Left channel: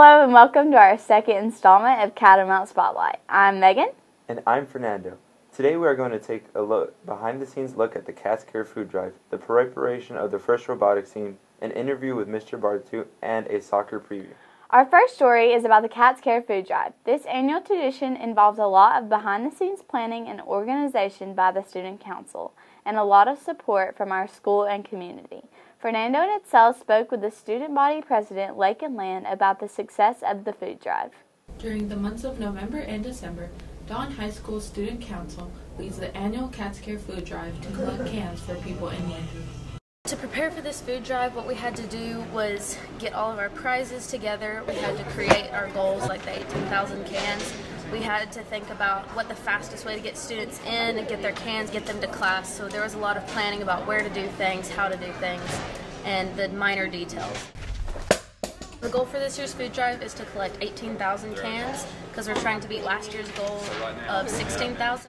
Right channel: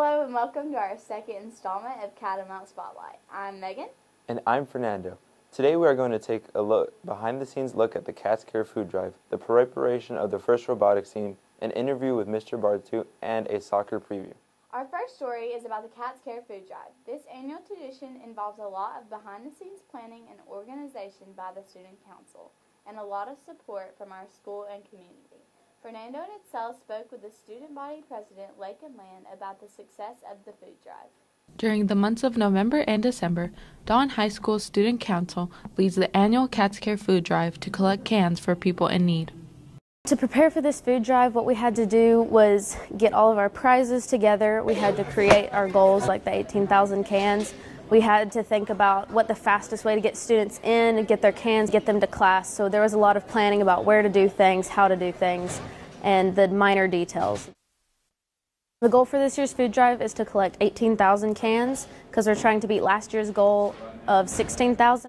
Hello and welcome to our second installment of Catamount Spotlight. I'm Megan. And I'm Fernando. Today we are going to take a behind-the-scenes look at the Cats Care Food Drive, the preparation of the first robotics scene, an interview with Mr. Bartu, and a soccer preview. Our first story is about the Cats Care Food Drive. This annual tradition involves a lot of behind-the-scenes planning and organization by the Student Council, and a lot of support from our school and community. Fernando and Itzel spoke with the student body president, Lake and Land, about the success of the food drive. During the months of November and December, Dawn High School Student Council leads the annual Cats Care Food Drive to collect cans for people in need. To prepare for this food drive, what we had to do was get all of our prizes together. We had to create our goals, like the 18,000 cans. We had to think about what the fastest way to get students in and get their cans, get them to class. So there was a lot of planning about where to do things, how to do things, and the minor details. The goal for this year's food drive is to collect 18,000 cans because we're trying to beat last year's goal of 16,000.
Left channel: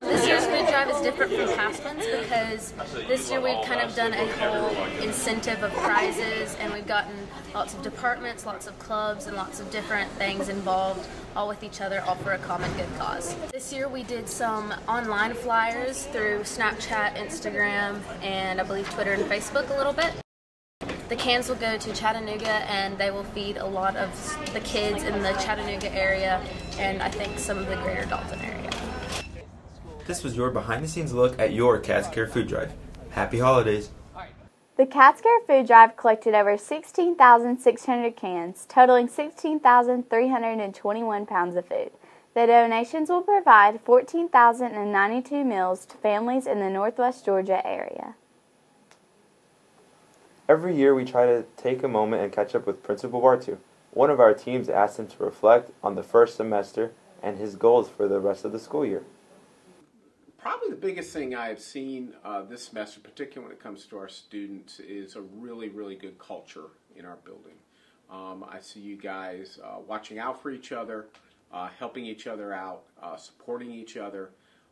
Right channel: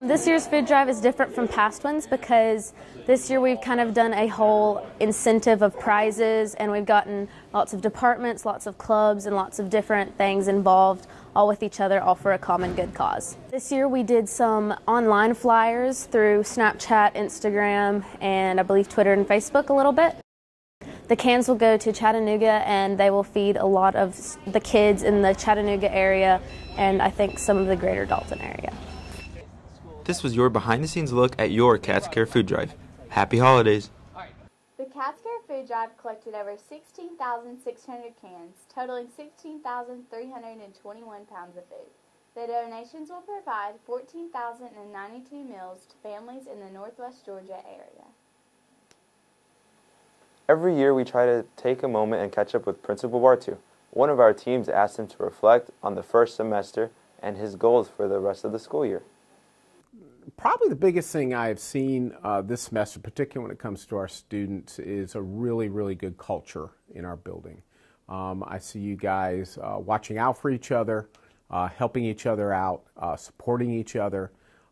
This year's food drive is different from past ones because this year we've kind of done a whole incentive of prizes, and we've gotten lots of departments, lots of clubs, and lots of different things involved, all with each other, all for a common good cause. This year we did some online flyers through Snapchat, Instagram, and I believe Twitter and Facebook a little bit. The cans will go to Chattanooga, and they will feed a lot of the kids in the Chattanooga area and I think some of the greater Dalton area. This was your behind-the-scenes look at your Cats Care Food Drive. Happy holidays! The Cats Care Food Drive collected over 16,600 cans, totaling 16,321 pounds of food. The donations will provide 14,092 meals to families in the Northwest Georgia area. Every year we try to take a moment and catch up with Principal Bartu. One of our teams asked him to reflect on the first semester and his goals for the rest of the school year. Probably the biggest thing I've seen this semester, particularly when it comes to our students, is a really, really good culture in our building. I see you guys watching out for each other, helping each other out, supporting each other,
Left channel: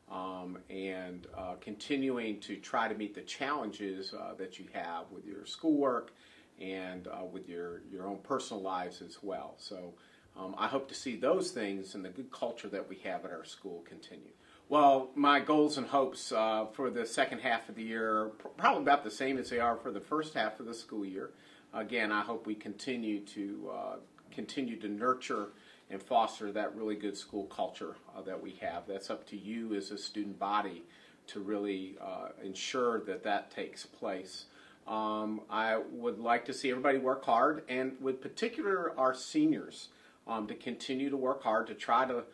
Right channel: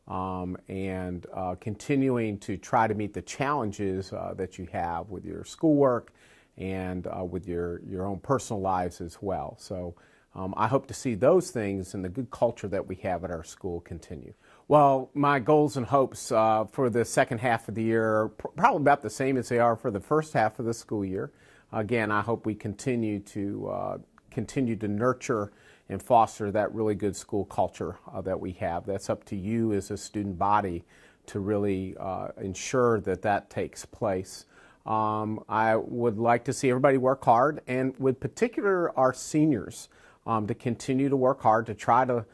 and continuing to try to meet the challenges that you have with your schoolwork and with your own personal lives as well. So I hope to see those things and the good culture that we have at our school continue. Well, my goals and hopes for the second half of the year are probably about the same as they are for the first half of the school year. Again, I hope we continue to nurture and foster that really good school culture that we have. That's up to you as a student body to really ensure that that takes place. I would like to see everybody work hard, and with particular our seniors, to continue to work hard to try to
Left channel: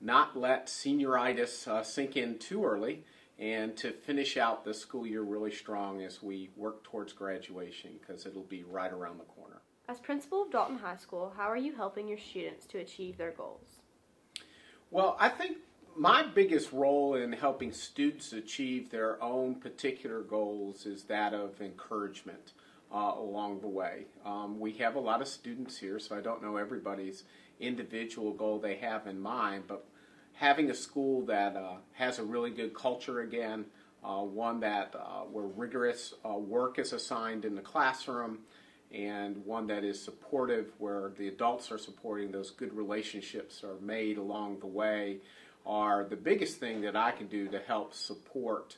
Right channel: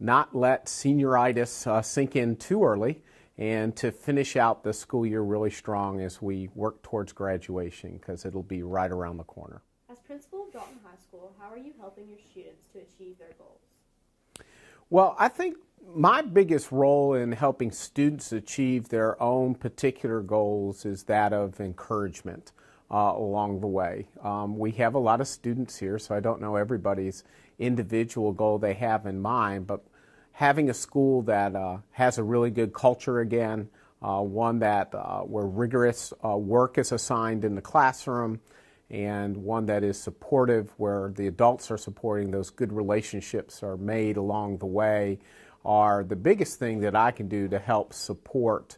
not let senioritis sink in too early, and to finish out the school year really strong as we work towards graduation, because it'll be right around the corner. As principal of Dalton High School, how are you helping your students to achieve their goals? Well, I think my biggest role in helping students achieve their own particular goals is that of encouragement along the way. We have a lot of students here, so I don't know everybody's individual goal they have in mind, but having a school that has a really good culture again, one that where rigorous work is assigned in the classroom, and one that is supportive, where the adults are supporting, those good relationships are made along the way, are the biggest thing that I can do to help support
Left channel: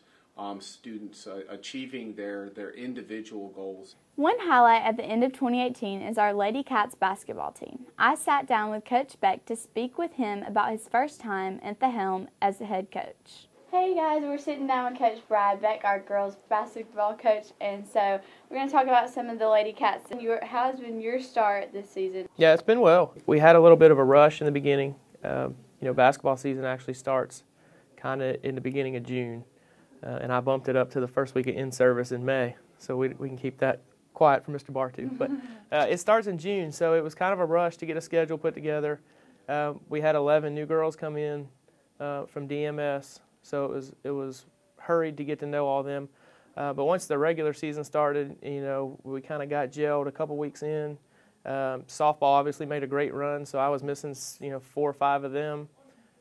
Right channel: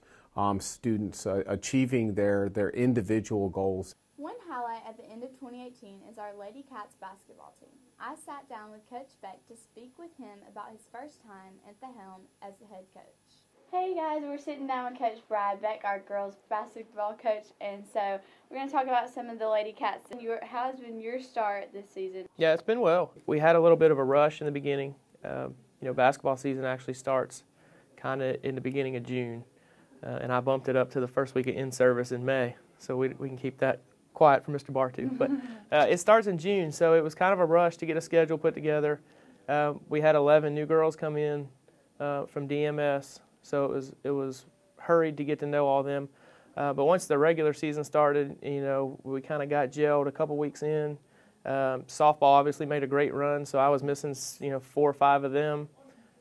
students achieving their individual goals. One highlight at the end of 2018 is our Lady Cats basketball team. I sat down with Coach Beck to speak with him about his first time at the helm as the head coach. Hey guys, we're sitting down with Coach Brad Beck, our girls basketball coach, and so we're going to talk about some of the Lady Cats. How has been your start this season? Yeah, it's been well. We had a little bit of a rush in the beginning. Basketball season actually starts kind of in the beginning of June, and I bumped it up to the first week of in-service in May, so we can keep that quiet for Mr. Bartu. But it starts in June, so it was kind of a rush to get a schedule put together. We had 11 new girls come in from DMS, so it was hurried to get to know all of them. But once the regular season started, we kind of got gelled a couple weeks in. Softball obviously made a great run, so I was missing 4 or 5 of them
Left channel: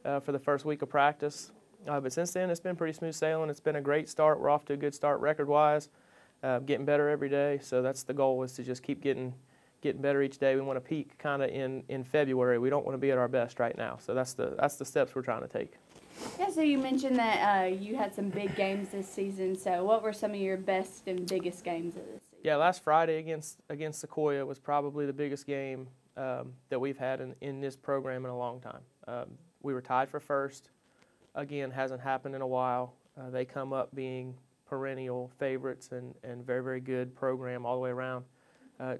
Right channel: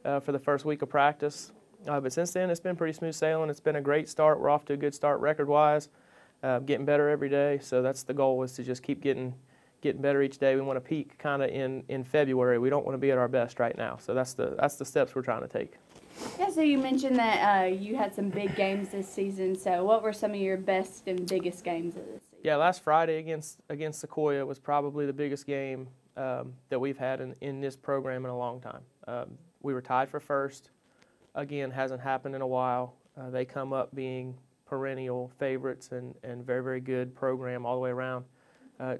for the first week of practice. But since then, it's been pretty smooth sailing. It's been a great start. We're off to a good start record-wise. Getting better every day, so that's the goal, is to just keep getting getting better each day. We want to peak kind of in February. We don't want to be at our best right now. So that's the steps we're trying to take. Yeah, so you mentioned that you had some big games this season. So what were some of your best and biggest games of this season? Yeah, last Friday against Sequoia was probably the biggest game that we've had in this program in a long time. We were tied for first. Again, hasn't happened in a while. They come up being perennial favorites and very, very good program all the way around.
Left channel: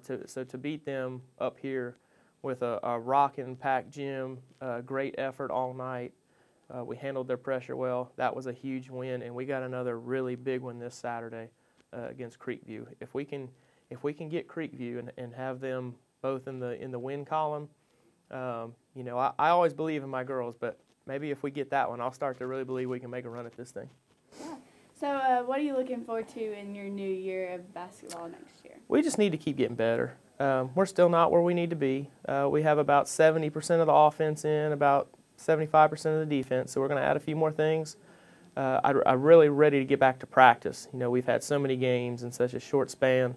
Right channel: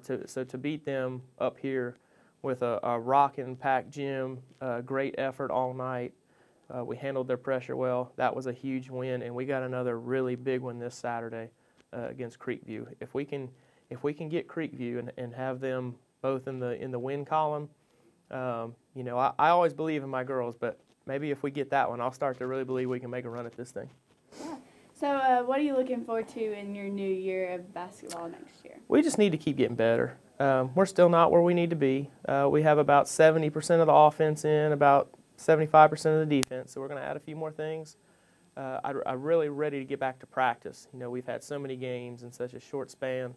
So to beat them up here with a rockin' packed gym, great effort all night, we handled their pressure well. That was a huge win, and we got another really big one this Saturday against Creekview. If we can get Creekview and have them both in the win column, you know, I always believe in my girls, but maybe if we get that one, I'll start to really believe we can make a run at this thing. Yeah. So what are you looking forward to in your new year of basketball next year? We just need to keep getting better. We're still not where we need to be. We have about 70% of the offense in, about 75% of the defense, so we're going to add a few more things. I'm really ready to get back to practice. You know, we've had so many games in such a short span,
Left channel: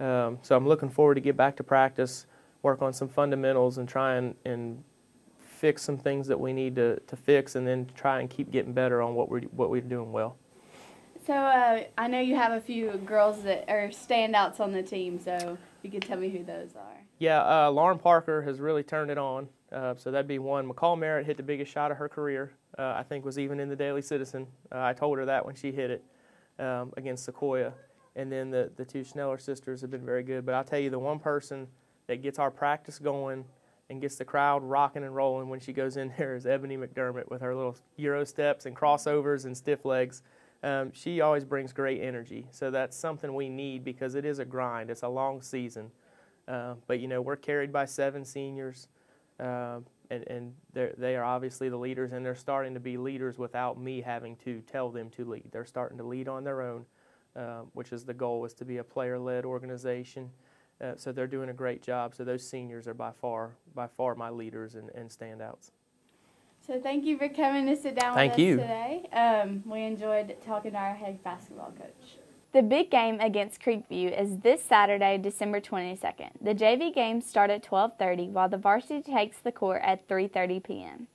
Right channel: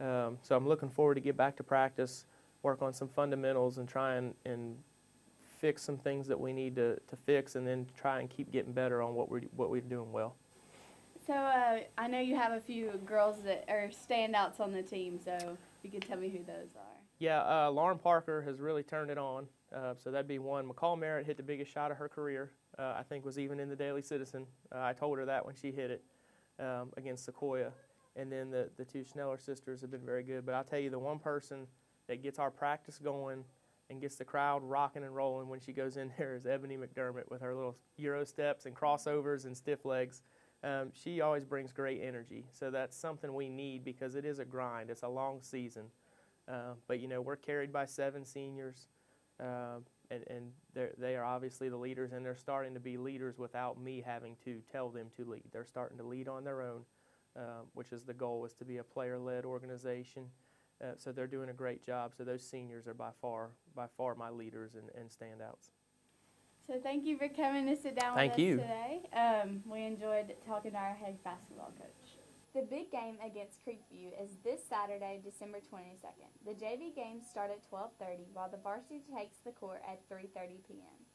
so I'm looking forward to get back to practice, work on some fundamentals, and try and fix some things that we need to fix, and then try and keep getting better on what we're doing well. So I know you have a few girls that are standouts on the team, so you can tell me who those are. Yeah, Lauren Parker has really turned it on, so that'd be one. McCall Merritt hit the biggest shot of her career, I think was even in the Daily Citizen. I told her that when she hit it against Sequoia. And then the two Schneller sisters have been very good. But I'll tell you, the one person that gets our practice going and gets the crowd rocking and rolling when she goes in there is Ebony McDermott with her little Euro steps and crossovers and stiff legs. She always brings great energy. So that's something we need because it is a grind. It's a long season. But, you know, we're carried by 7 seniors, and they are obviously the leaders, and they're starting to be leaders without me having to tell them to lead. They're starting to lead on their own, which is the goal, is to be a player-led organization. So they're doing a great job. So those seniors are by far my leaders and standouts. So thank you for coming to sit down with us today. We enjoyed talking to our head basketball coach. The big game against Creekview is this Saturday, December 22nd. The JV games start at 12:30, while the varsity takes the court at 3:30 p.m.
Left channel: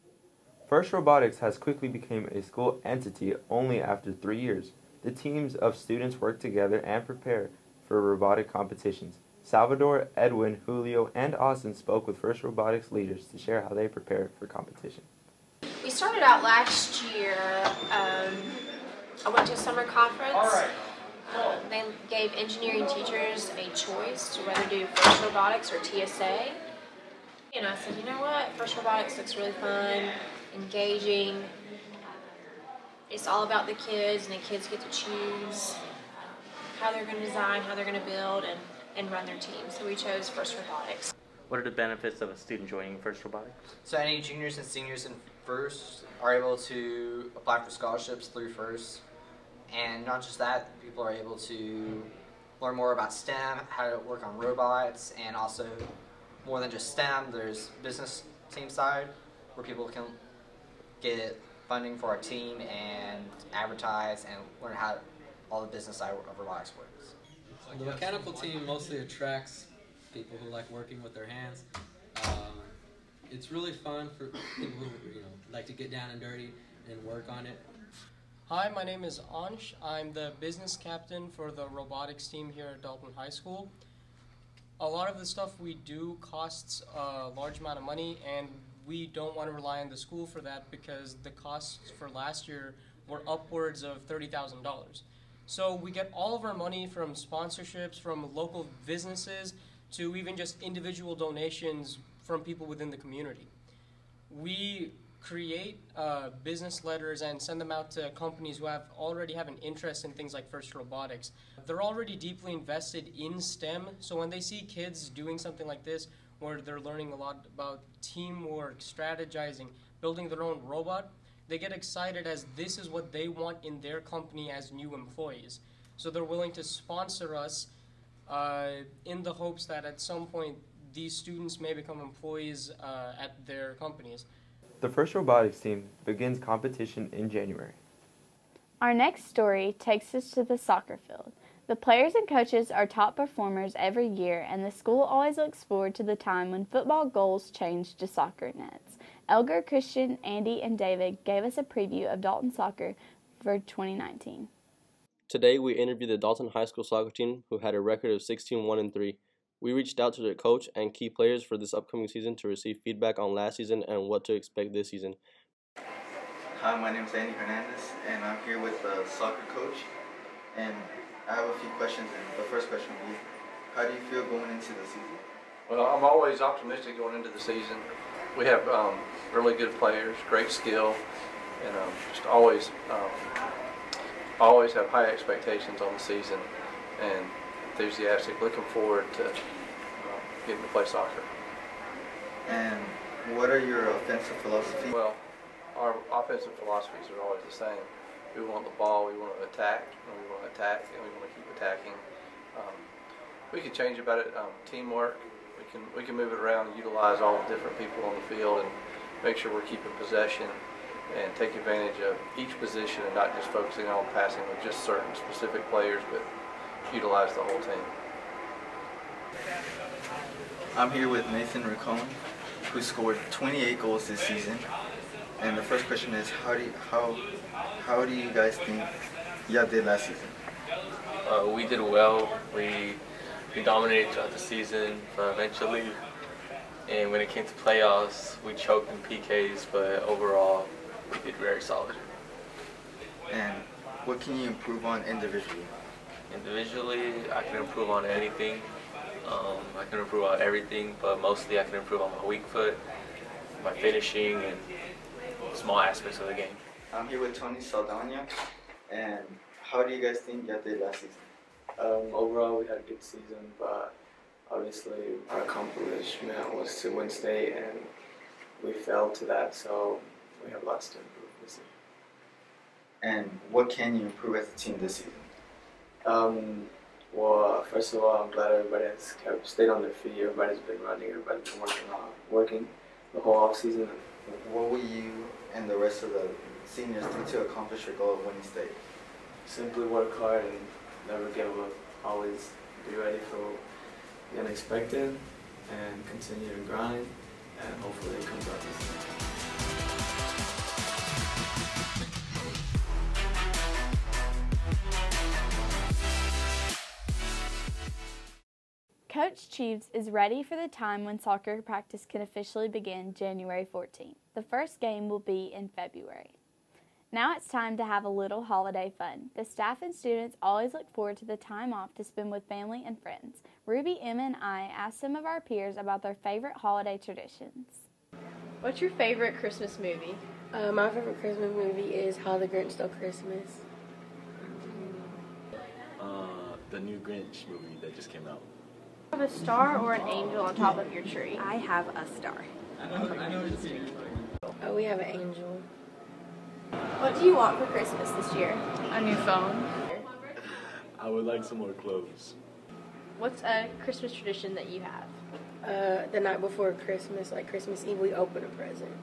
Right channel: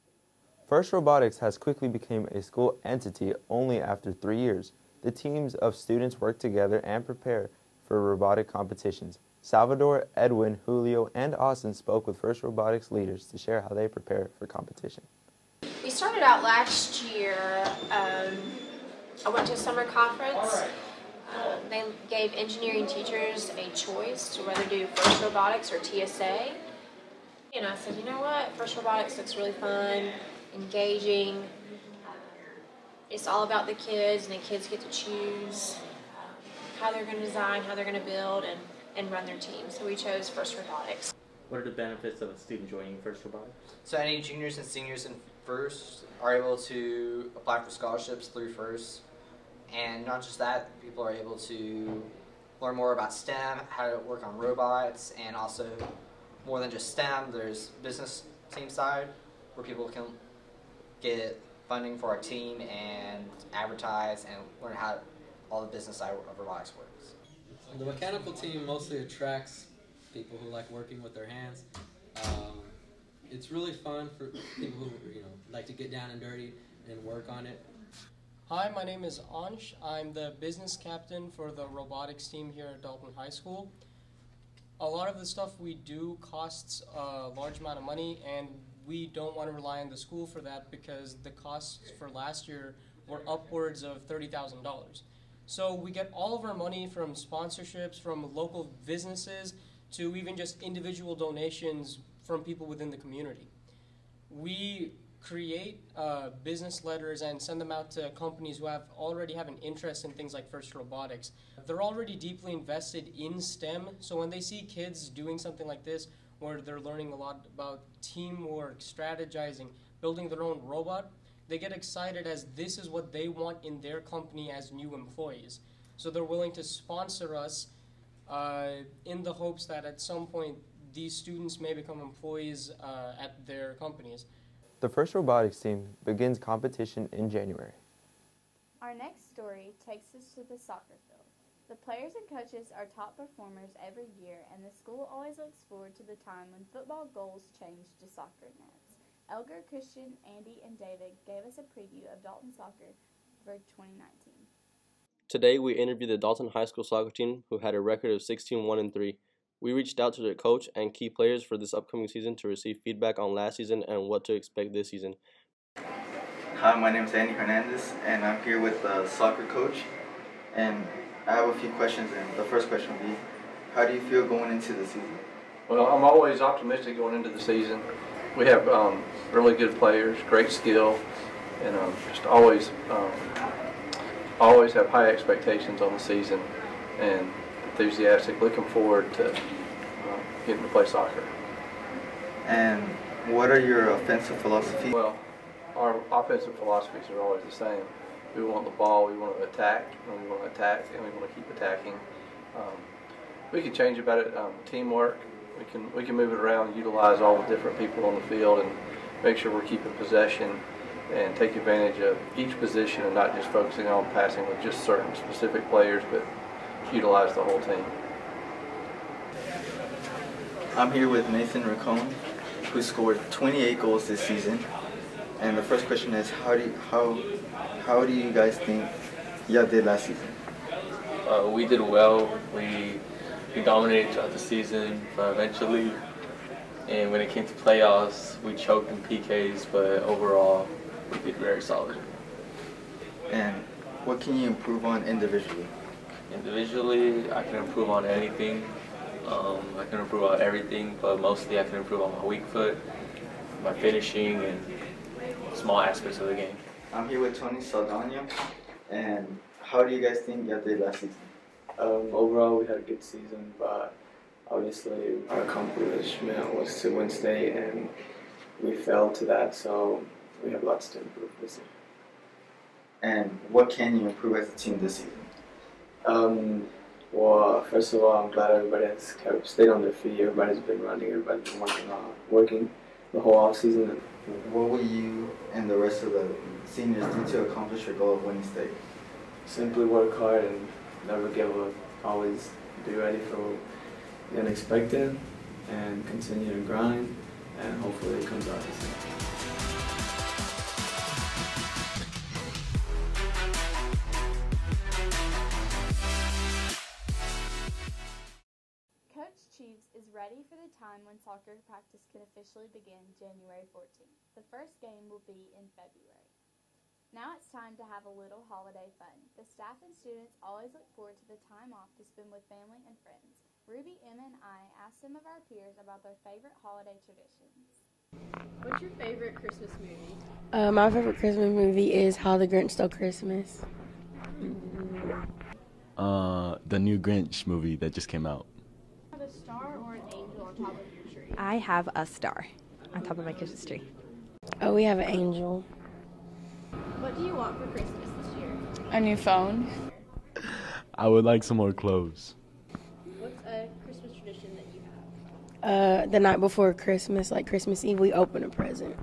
First Robotics has quickly become a school entity only after 3 years. The teams of students work together and prepare for robotic competitions. Salvador, Edwin, Julio, and Austin spoke with First Robotics leaders to share how they prepare for competition. We started out last year. I went to a summer conference. They gave engineering teachers a choice to whether do First Robotics or TSA. And I said, you know what, First Robotics looks really fun, engaging. It's all about the kids, and the kids get to choose how they're going to design, how they're going to build, and run their team. So we chose First Robotics. What are the benefits of a student joining First Robotics? So any juniors and seniors in First are able to apply for scholarships through First. And not just that, people are able to learn more about STEM, how to work on robots, and also more than just STEM, there's business team side where people can get funding for our team and advertise and learn how all the business side of robotics works. The mechanical team mostly attracts people who like working with their hands. It's really fun for people who like to get down and dirty and work on it. Hi, my name is Ansh. I'm the business captain for the robotics team here at Dalton High School. A lot of the stuff we do costs a large amount of money, and we don't want to rely on the school for that because the costs for last year were upwards of $30,000. So we get all of our money from sponsorships, from local businesses, to even just individual donations from people within the community. We create business letters and send them out to companies who already have an interest in things like First Robotics. They're already deeply invested in STEM, so when they see kids doing something like this, where they're learning a lot about teamwork, strategizing, building their own robot, they get excited as this is what they want in their company as new employees. So they're willing to sponsor us in the hopes that at some point these students may become employees at their companies. The First Robotics team begins competition in January. Our next story takes us to the soccer field. The players and coaches are top performers every year, and the school always looks forward to the time when football goals change to soccer nets. Elgar, Christian, Andy, and David gave us a preview of Dalton soccer for 2019. Today, we interviewed the Dalton High School soccer team, who had a record of 16-1-3. We reached out to their coach and key players for this upcoming season to receive feedback on last season and what to expect this season. Hi, my name is Andy Hernandez, and I'm here with the soccer coach. And I have a few questions, and the first question will be, how do you feel going into the season? Well, I'm always optimistic going into the season. We have really good players, great skill, and just always have high expectations on the season and enthusiastic, looking forward to getting to play soccer. And what are your offensive philosophies? Well, our offensive philosophies are always the same. We want the ball, we want to attack, and we want to attack, and we want to keep attacking. We can change about it, teamwork. We can move it around and utilize all the different people on the field and make sure we're keeping possession and take advantage of each position and not just focusing on passing with just certain specific players, but utilize the whole team. I'm here with Nathan Racone, who scored 28 goals this season. And the first question is, how do you guys think y'all did last season? We did well. We dominated throughout the season eventually. And when it came to playoffs, we choked in PKs, but overall, we did very solid. And what can you improve on individually? Individually, I can improve on anything. I can improve on everything, but mostly I can improve on my weak foot, my finishing, and small aspects of the game. I'm here with Tony Saldana, and how do you guys think y'all did last season? Overall, we had a good season, but obviously our accomplishment was to win state, and we failed to that, so we have lots to improve this year. And what can you improve as a team this season? Well, first of all, I'm glad everybody has stayed on their feet. Everybody's been running. Everybody's been working the whole off season. What will you and the rest of the seniors do to accomplish your goal of winning state? Simply work hard and never give up. Always be ready for the unexpected and continue to grind, and hopefully it comes out this year. Coach Cheeves is ready for the time when soccer practice can officially begin January 14th. The first game will be in February. Now it's time to have a little holiday fun. The staff and students always look forward to the time off to spend with family and friends. Ruby, Emma, and I asked some of our peers about their favorite holiday traditions. What's your favorite Christmas movie? My favorite Christmas movie is How the Grinch Stole Christmas. The new Grinch movie that just came out. Have a star or an angel on top of your tree? I have a star on top of my Christmas tree. Oh, we have an angel. What do you want for Christmas this year? A new phone. I would like some more clothes. What's a Christmas tradition that you have? The night before Christmas, like Christmas Eve, we open a present.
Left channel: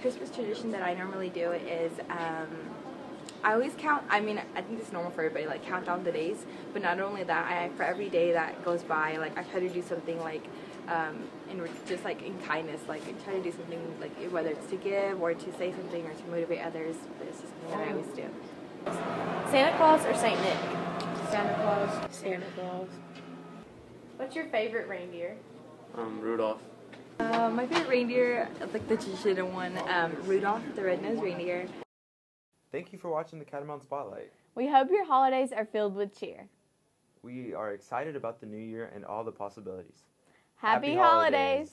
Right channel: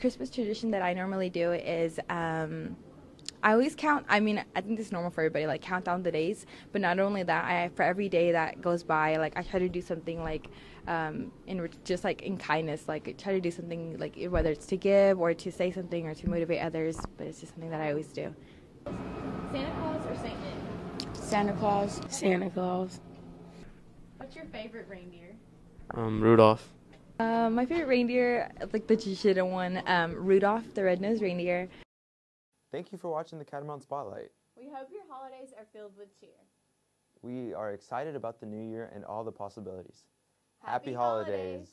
Christmas tradition that I normally do is I always count, I mean, I think this is normal for everybody, like count down the days, but not only that, for every day that goes by, like I try to do something like, just like in kindness, like I try to do something like whether it's to give or to say something or to motivate others, but it's just something that I always do. Santa Claus or Saint Nick? Santa Claus. Santa Claus. What's your favorite reindeer? Rudolph. My favorite reindeer, like the traditional one, Rudolph, the red-nosed reindeer. Thank you for watching the Catamount Spotlight. We hope your holidays are filled with cheer. We are excited about the new year and all the possibilities. Happy holidays.